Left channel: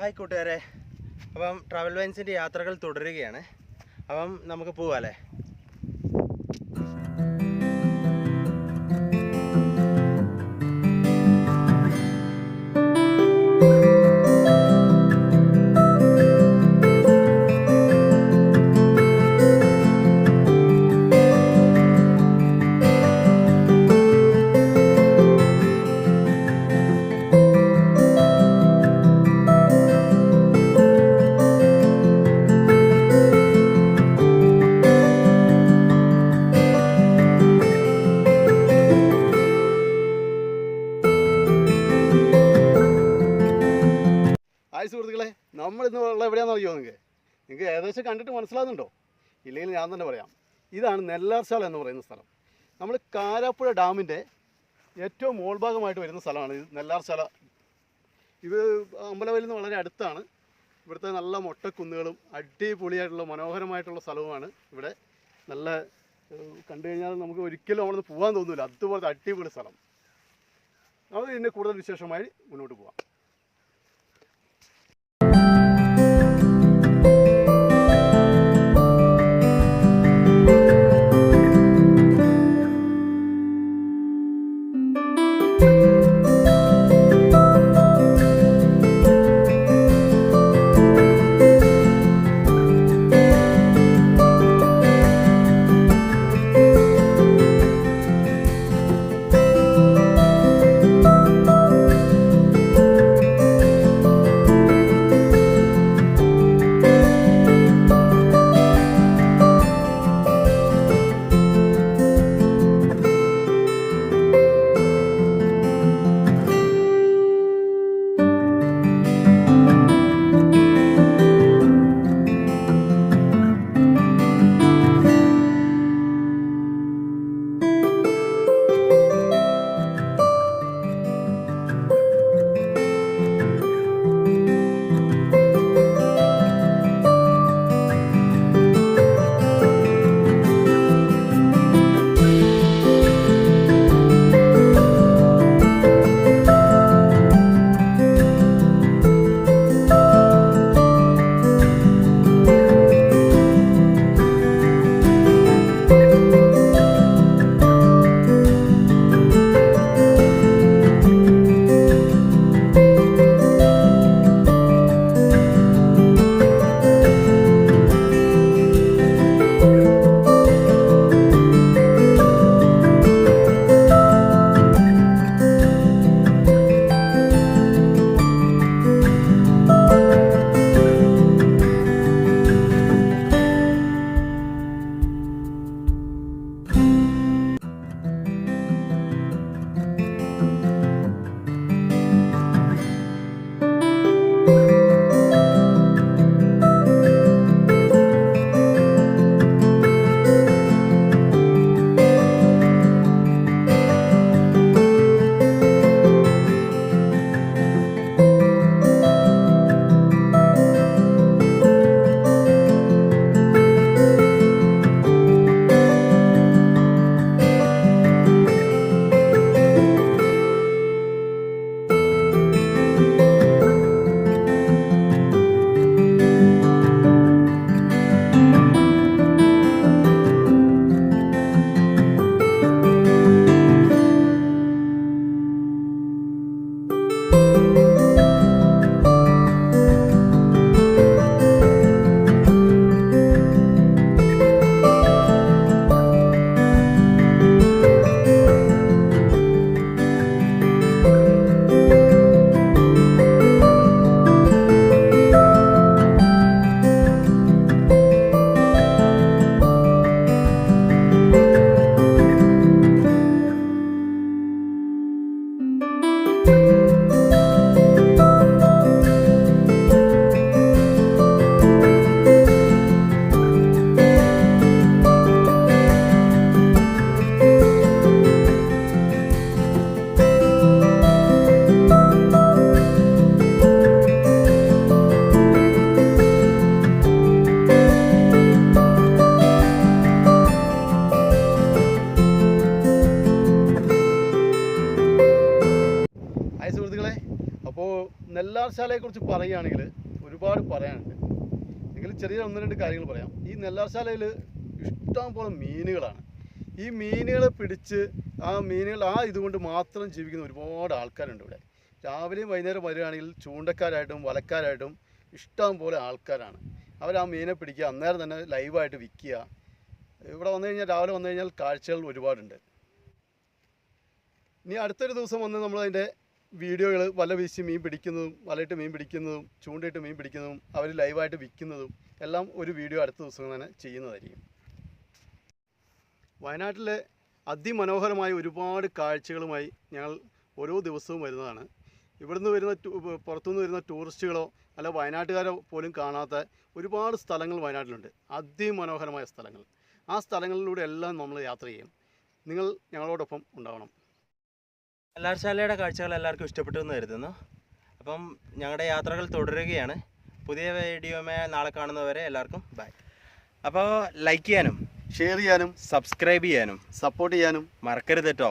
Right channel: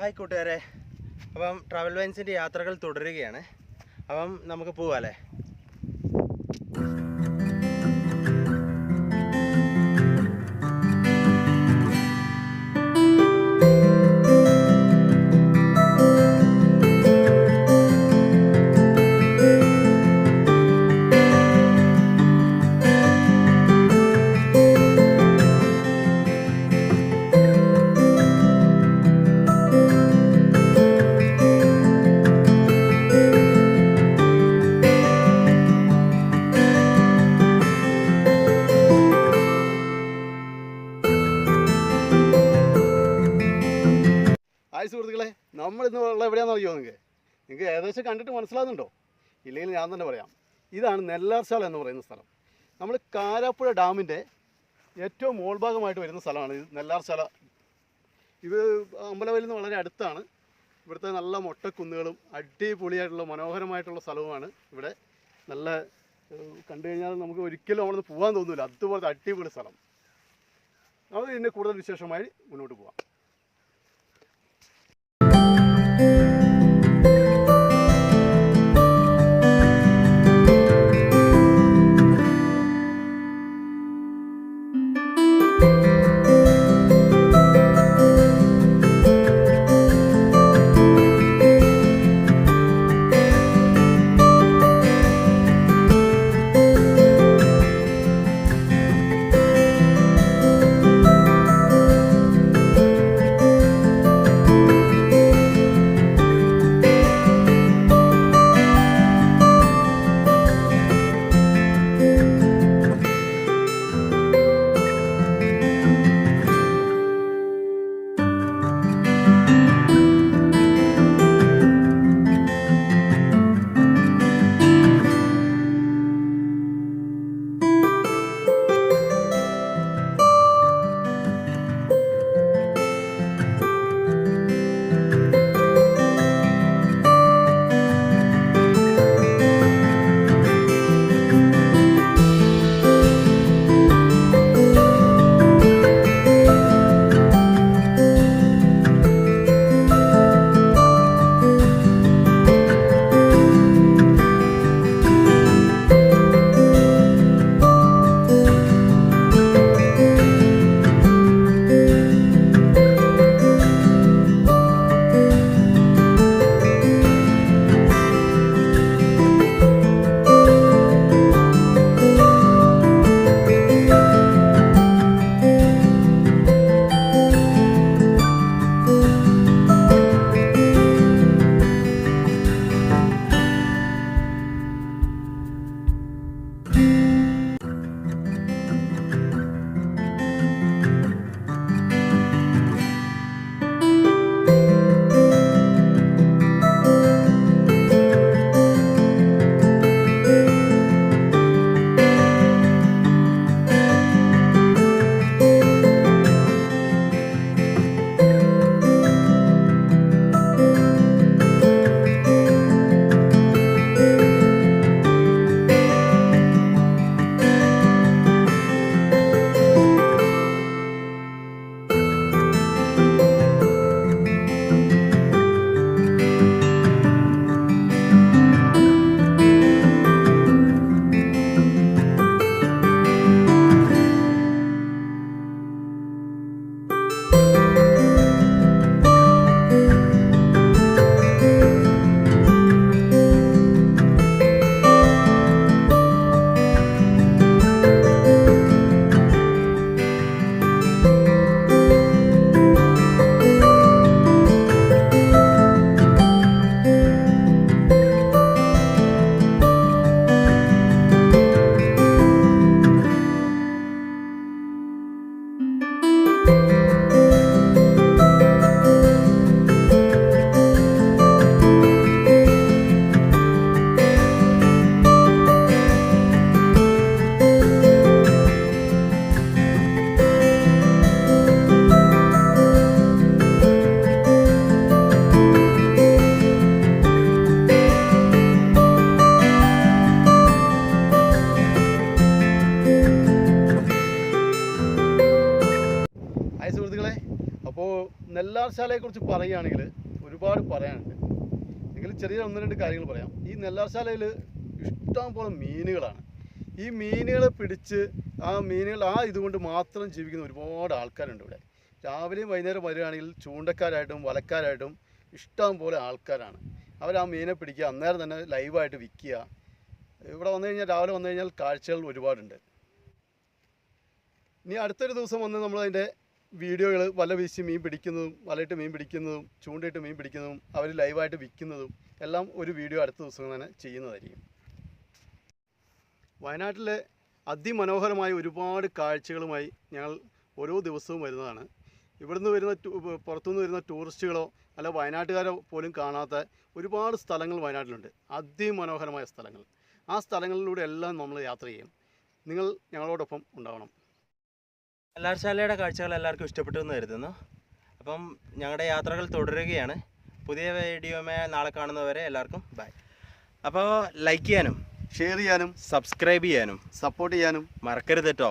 Hi കൂട്ടുകാരെ, അപ്പം travel വൈൻസിൻ്റെ യാത്രകൾ തുടരുകയാണ്. അപ്പം നമുക്ക് പോവാല്ലേ. ഹായ് സുഹൃത്തുക്കളെ, നമ്മളിന്ന് ഉള്ള എവിടെയാണെന്ന് അറിയുമോ? നിങ്ങൾക്ക് ഏകദേശം കണ്ടിട്ട് മനസ്സിലാകുന്നുണ്ടോ? ഇല്ലെങ്കിൽ ഞാൻ തന്നെ പറയാം. ഇതാണ് നെല്ലാർശാല എന്ന് പറയുന്ന സ്ഥലം. നമ്മൾ കാരാപ്പുഴ ഡാമിൻ്റെ ഏറ്റവും മോൾഭാഗമായിട്ട് വരുന്ന സ്ഥലമാണ് ഇത് നെല്ലാർശാല. ഇത് അമ്പലവയലിൽ നിന്ന് വളരെ അടുത്താണ്. ഇവിടുത്തെ നല്ല മൊട്ടക്കുന്നുകളും അടിപൊളിയായിട്ടുള്ള മനോഹരമായിട്ടുള്ള സ്ഥലവുമാണ്. ഇവിടെ നല്ല കണ്ടു കഴിഞ്ഞാൽ നമുക്ക് ഒരിക്കലും അവിടെ നിന്ന് പോകാൻ തോന്നില്ല, അതുപോലത്തെ അടിപൊളി സ്ഥലം. നമുക്ക് ഇതിൻ്റെ കൂടുതൽ വിശേഷമായി മുന്നോട്ട് പോകാം. നെല്ലാർശാലയെക്കുറിച്ച് പറയുകയാണെങ്കിൽ ഒരുപാട് പറയാനുണ്ട്. എങ്കിലും ചെറിയ 1-2 കാര്യങ്ങൾ പറയാം. ഈ നെല്ലാർശാലയിൽ ഇഷ്ടം പോലെ മീനുകളാണ്. ഈ മീനുകളെ പിടിച്ച് ആ മീനുകൾ ഇതുകൊണ്ട് മാത്രം ജീവിക്കുന്ന ഒരുപാട് ആൾക്കാരുണ്ട് ഇവിടെ. രാവിലെയും വൈകുന്നേരം വരികയാണെങ്കിൽ ചൂണ്ടക്കാരായിട്ടും വലക്കാരായിട്ടും ഇഷ്ടം പോലെ ആൾക്കാരാണ്. അവർ ആ മീനെ പിടിക്കുക, അന്നേരം തന്നെ ലൈവായിട്ട് വിൽക്കുക. ഇവിടെ വന്നു കഴിഞ്ഞാൽ രാവിലെ വന്നു കഴിഞ്ഞാൽ കാഴ്ചകൾ ഒരുപാടുണ്ട്. ഇനി അടുത്തൊരു ദിവസം വന്ന് നമ്മളതിൻ്റെ വീഡിയോകൾ വല വീശി മീൻ പിടിക്കുന്നതും വലയിട്ട് മീൻ പിടിക്കുന്നതും ചൂണ്ടയിട്ട് മീൻ പിടിക്കുന്നതും അവർ ലൈവായിട്ട് വിൽക്കുന്നതും എല്ലാം ഒരു വീഡിയോ അടുത്ത ദിവസം തന്നെ ചെയ്യുന്നതായിരിക്കും. വയനാട്ടിലെ അതിമനോഹരമായ ഒരുപാട് കാഴ്ചകളുമായി ഞങ്ങൾ ഓരോ ദിവസവും വരുന്നതാണ്. ഇവിടുന്ന് വരുന്ന പുറത്തുനിന്ന് വരുന്ന ടൂറിസ്റ്റുകളോ അല്ല വയനാട്ടുകാരോ പോലും കാണാത്ത ഒരുപാട് സ്ഥലങ്ങൾ വയനാട്ടിലുണ്ട്. അതിമനോഹരമായ സ്ഥലങ്ങൾ. ആ സ്ഥലങ്ങളിലൂടെ എല്ലാം നമ്മൾ യാത്ര ചെയ്യും. നിങ്ങൾ ഞങ്ങളോടൊപ്പം ഉണ്ടാവണം. നെല്ലാർശാലയുടെ കാഴ്ചകൾ എല്ലാവർക്കും ഇഷ്ടപ്പെട്ടു എന്ന് കരുതുന്നു. അപ്പം ഞങ്ങളുടെ യാത്രകൾ തുടരുകയാണ്. പുതിയ വീഡിയോയുമായി നാളെ കാണുന്നവരെ എല്ലാവർക്കും ബൈ. അപ്പോൾ ലൈക്ക് ചെയ്യാനും ഷെയർ ചെയ്യാനും സബ്സ്ക്രൈബ് ചെയ്യാനും സപ്പോർട്ട് ചെയ്യാനും മറക്കരുത് കേട്ടോ.